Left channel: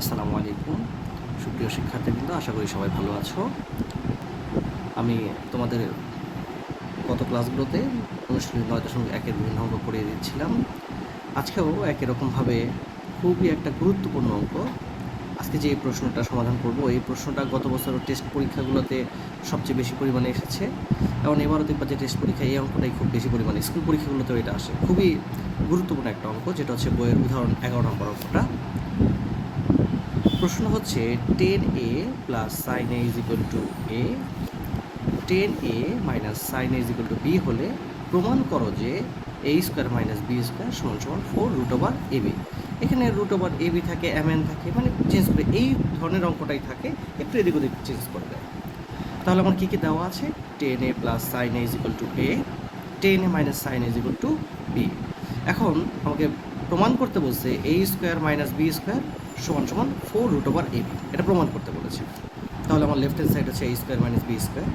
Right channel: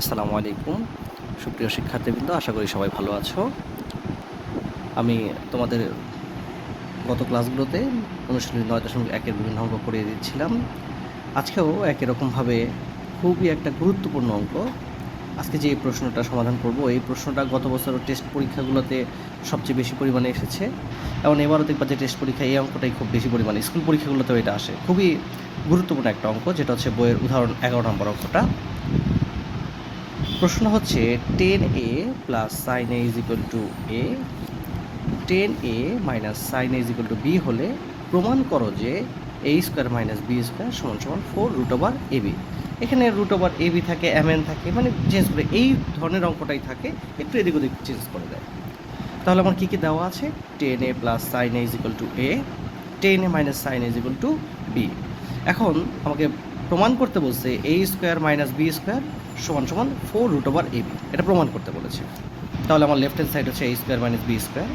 আসসালামু আলাইকুম সুপ্রিয় শিক্ষার্থীবৃন্দ, আশা করি সবাই ভালো আছো। আমি তোমাদের গত ক্লাসগুলোতে অনুশীলনী 9.1-এর বিভিন্ন অঙ্ক করিয়ে দিচ্ছিলাম। আজকেও একই রকমভাবে খুবই একটা গুরুত্বপূর্ণ অঙ্ক। আজকে যে প্রশ্নটা সমাধান করব, এই প্রশ্নটা গত বছরের টেস্ট পরীক্ষাগুলোতে সবচেয়ে বেশি পরিমাণে এসেছে এবং এবারও দেখবা যে টেস্ট পরীক্ষায় এই অঙ্কটাই খুব বেশি পরিমাণে স্কুল পরীক্ষাগুলোতেও এটা আসে। খুবই গুরুত্বপূর্ণ একটা অঙ্ক, যেটা হচ্ছে বইয়ের উদাহরণ 11 নম্বর অঙ্কটা। প্রশ্ন হচ্ছে 10a plus sine A is equal to A, 10a minus sine A is equal to B হলে প্রমাণ করো যে A square minus B square সমান সমান 4 রুট ওভার এ বি। এখানে রুট ওভার এ বি থাকে, এম এন থাকে, মানে চেঞ্জ করে এই ধরনের অঙ্কটাই থাকে, একটু এদিক ওদিক চেঞ্জ করে দেয়। তাহলে আমার কী কী দেওয়া আছে? 10a plus sine A is equal to A, 10a minus sine A is equal to B. এখন আমাকে প্রমাণ করতে বলছে A square minus B square সমান সমান 4 রুট ওভার এ বি, এটা প্রমাণ করতে বলেছে। তাহলে আমার লেফট হ্যান্ড সাইড হচ্ছে এ স্কোয়ার মাইনাস বি স্কোয়ার।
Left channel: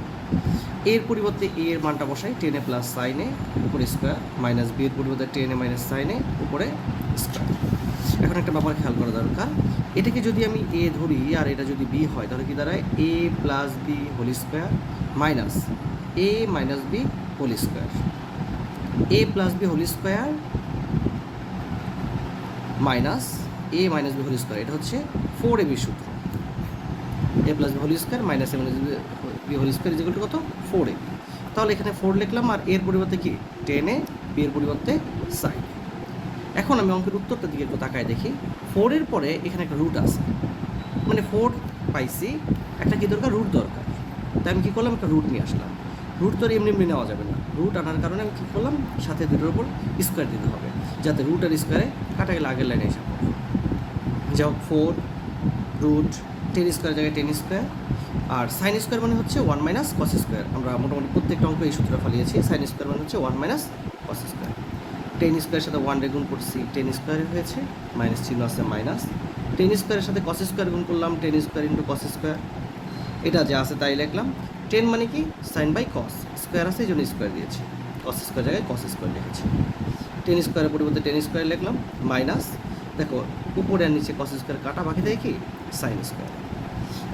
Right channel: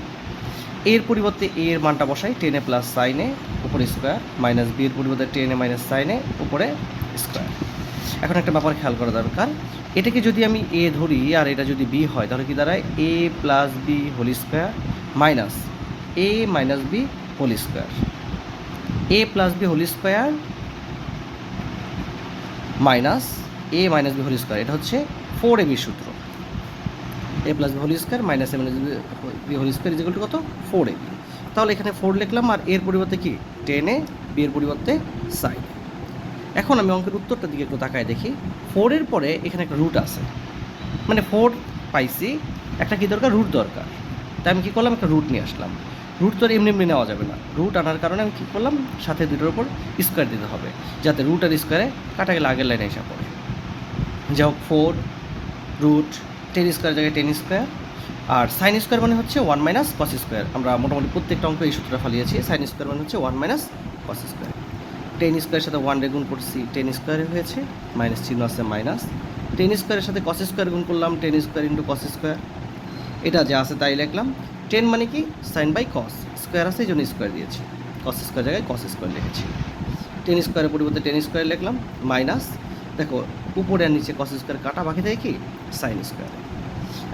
এর পরিবর্তে এ এর মানটা বসাই 10a প্লাস সাইন এ উপরে স্কোয়ার, মাইনাস বি এর পরিবর্তে 10a মাইনাস সাইন এ উপরে স্কোয়ার। এখন একটা ব্যাপার খেয়াল করা দরকার, এটাকে যদি আমি এ ধরি আর এটা যদি বি হয়, তাহলে কি দাঁড়ায় a plus b whole square minus a minus b whole square. A plus b whole square minus a minus b whole square, এটা হচ্ছে 4ab সূত্র। A plus b whole square minus a minus b whole square equal to কত? 4ab। তাহলে এখানে 4 লিখলাম, আর এর পরিবর্তে কি 10a, বি এর পরিবর্তে সাইন। এখন আমি অঙ্কের উত্তরটার দিকে একটু তাকায় দেখি। 4-এর পরে এখানে একটা রুট আছে, মানে 4 পাইছি, একটা কি দরকার? রুট দরকার। তাই আমি কী করলাম? একটা রুট নিয়ে আসলাম। রুট তো আর এমনি এমনি নেওয়া যাবে না, রুট আনার কারণে আমি কী করলাম? সাথে দুটোর উপর স্কোয়ার দিতে হবে, যাতে রুট আর স্কোয়ারে কাটা গেলে আগের লাইনে হিসাব করে। যা হোক 4 রুট 10 স্কোয়ার জায়গায় 10 স্কোয়ার, আর সাইন স্কোয়ার মানে হচ্ছে 1 মাইনাস কস স্কোয়ার। আমরা মোটামুটি প্রত্যেকটা অঙ্ক এই সূত্রটা ফালিয়েছি। সাইন স্কোয়ার মানে হচ্ছে 1 মাইনাস কস স্কোয়ার। 10 স্কোয়ারের সাথে 1 গুণ করছি, 10 স্কোয়ারে হয়েছে, মাইনাস চিহ্ন আছে মাইনাস। 10 স্কোয়ারের সাথে কস স্কোয়ার গুণ করলাম, 10 স্কোয়ার ইন্টু কস স্কোয়ার। এটা যা আছে তাই লিখলাম। 10 মানে কি? সাইন বাই কস, স্কোয়ার আছে এই জন্য স্কোয়ার দিয়েছি, কস স্কোয়ার জায়গায় কস স্কোয়ার লিখেছি। 10 স্কোয়ারের পরিবর্তে 10 স্কোয়ার লিখলাম, মাইনাস, দেখো উপরে আর নিচে কস স্কোয়ার কাটা, বাকি দেয় কি? Sine square.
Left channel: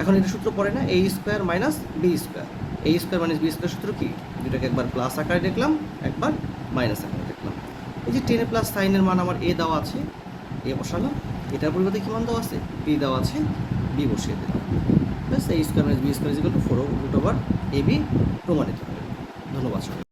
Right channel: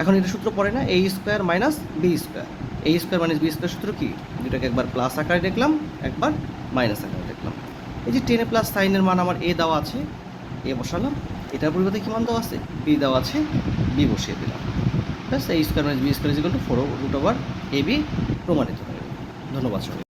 এখন এটা সূত্র পড়ে না, এ স্কোয়ার মাইনাস বি স্কোয়ার। এ স্কোয়ার মাইনাস বি স্কোয়ার সূত্র কি? দুটাকে একবার প্লাস আকারে দেখলাম, একবার মাইনাস আকারে দেখলাম। এই যে 10 প্লাস সাইনের মান আমার এ দেওয়া আছে, এ বসালাম। এটার পরিবর্তে কী মান দেওয়া আছে? বি দেওয়া আছে, বি বসিয়ে দিলাম। Plus A square minus B square is equal to 4 root over A B প্রমাণিত হয়ে গেল। ধন্যবাদ।